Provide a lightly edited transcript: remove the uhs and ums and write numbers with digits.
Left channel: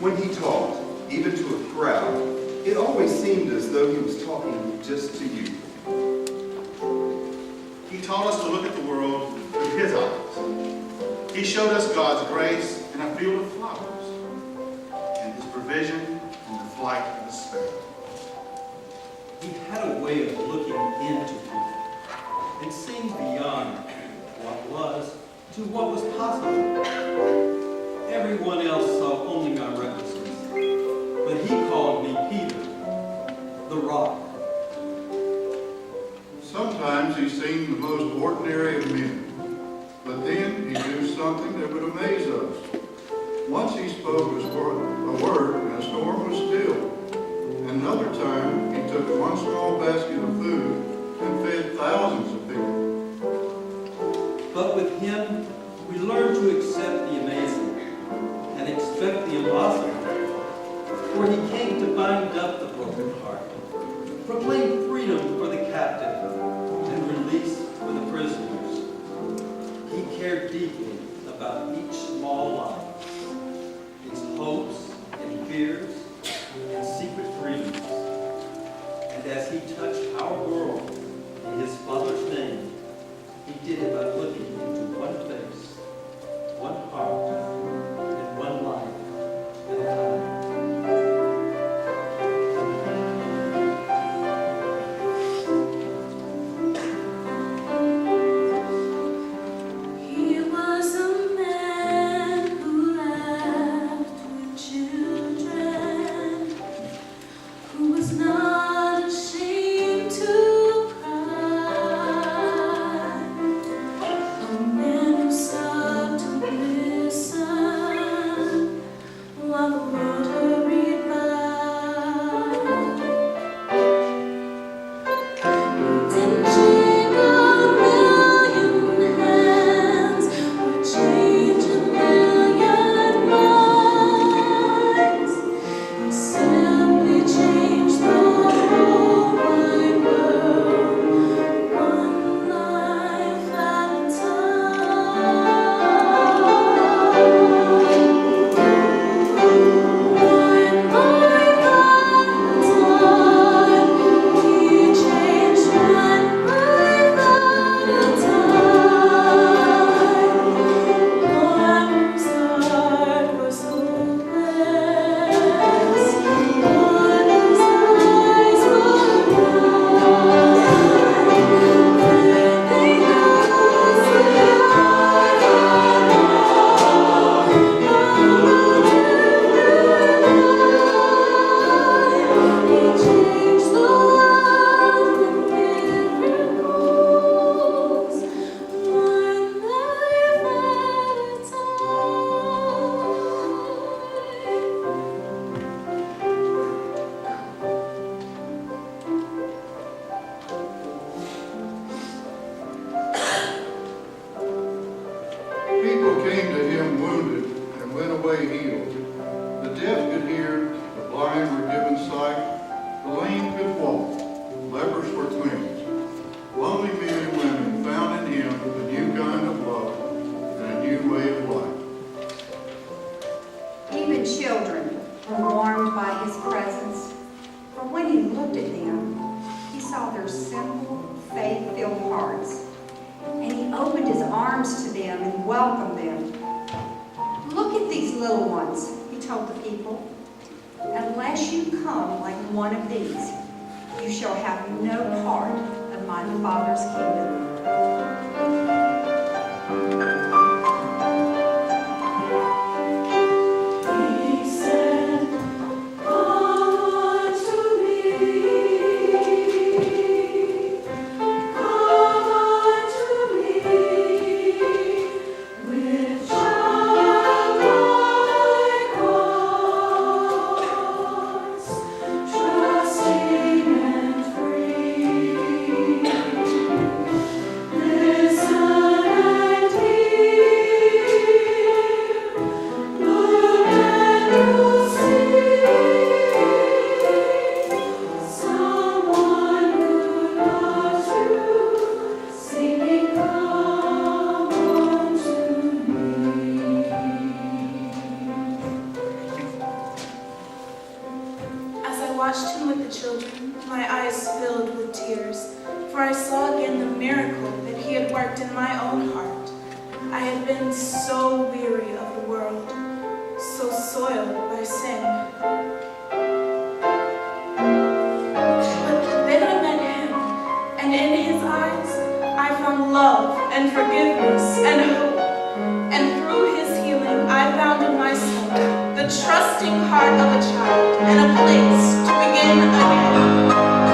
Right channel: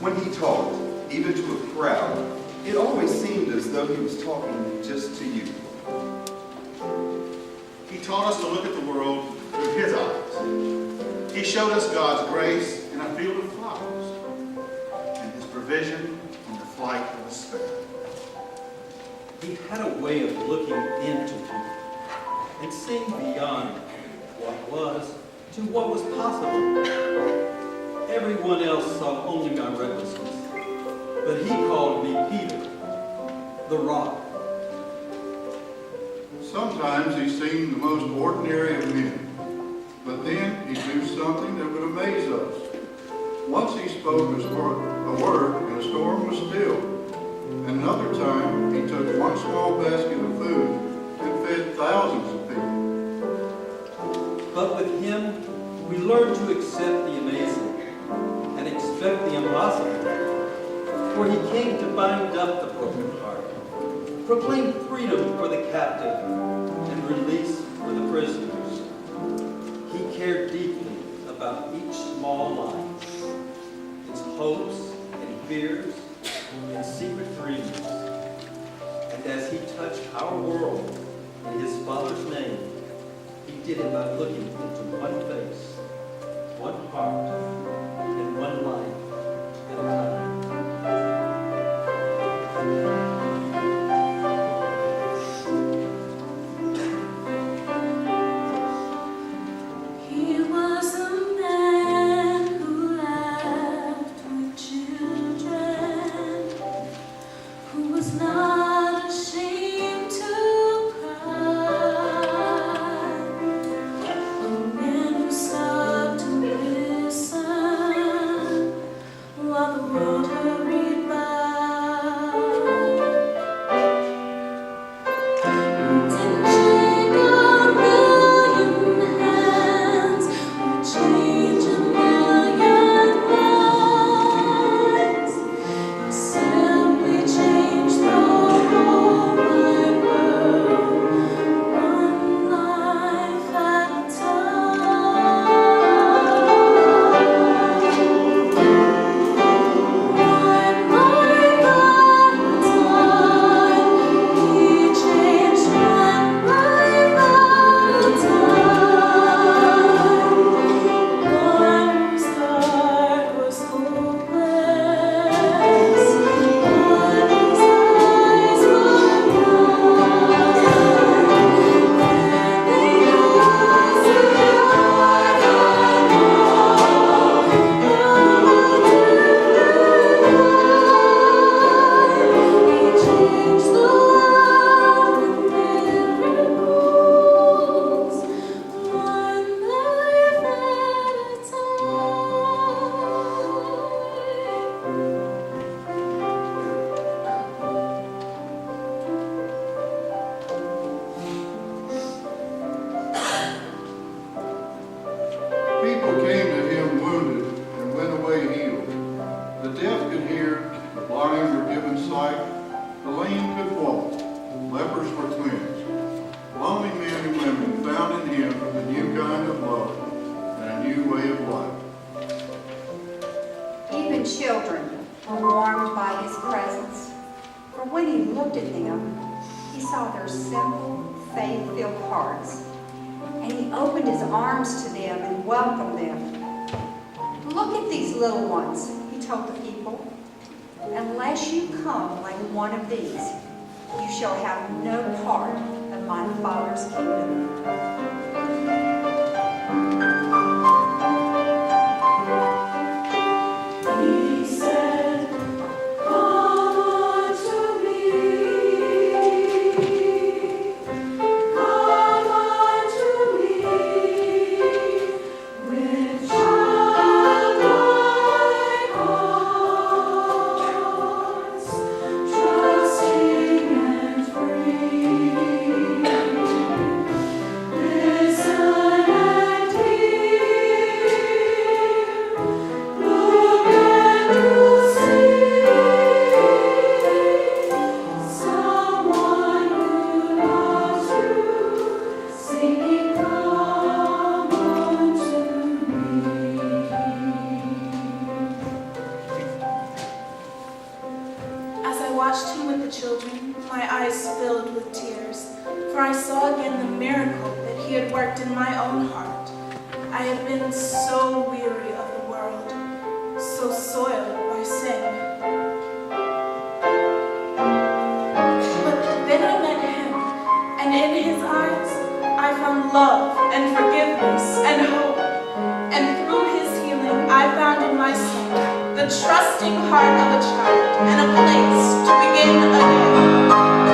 When he talked, even to a crowd, it always seemed as though he was talking just to you. He taught us to look at the world through his eyes. He showed us God's grace in a field of flowers, and his provision in the flight of a sparrow. He had a way of looking into people and seeing beyond what was to what was possible. Everyone else saw only my recklessness, but he called me Peter, the rock. Sometimes he seemed the most ordinary of men, but then he'd do something that would amaze us. Once he spoke a word and a storm was still. Another time he took one small basket of food and fed thousands of people. But with him, we learned to accept the amazing and expect the impossible. For he came to bind up the broken heart, proclaim freedom for the captive, and release for the prisoners. He cared deeply about each small life, its hopes and fears and secret dreams. And as he touched our world in his Father's name, he did it by looking into one face, one heart, and one life at a time. People came to him wounded and went away healed. The deaf could hear, the blind were given sight, the lame could walk, lepers were cleansed. Lonely men and women found in him a new kind of love and a new way of life. Even children were warmed by his presence, for when he looked at them, he saw their simple, faith-filled hearts, and he opened his arms to them and welcomed them. Look at these little ones, he told the people. Unless you come like one of these, you shall have no part of my Father's kingdom. Listen and hear. watched him with the children, my eyes filled with tears, for I saw again the miracle that he had worked in my own heart. I had been so weary of the world, so soiled by sin. But then I met him, and in his eyes I found love and forgiveness and hope. And through his healing, I found in my son the trusting heart of a child and a place to begin again.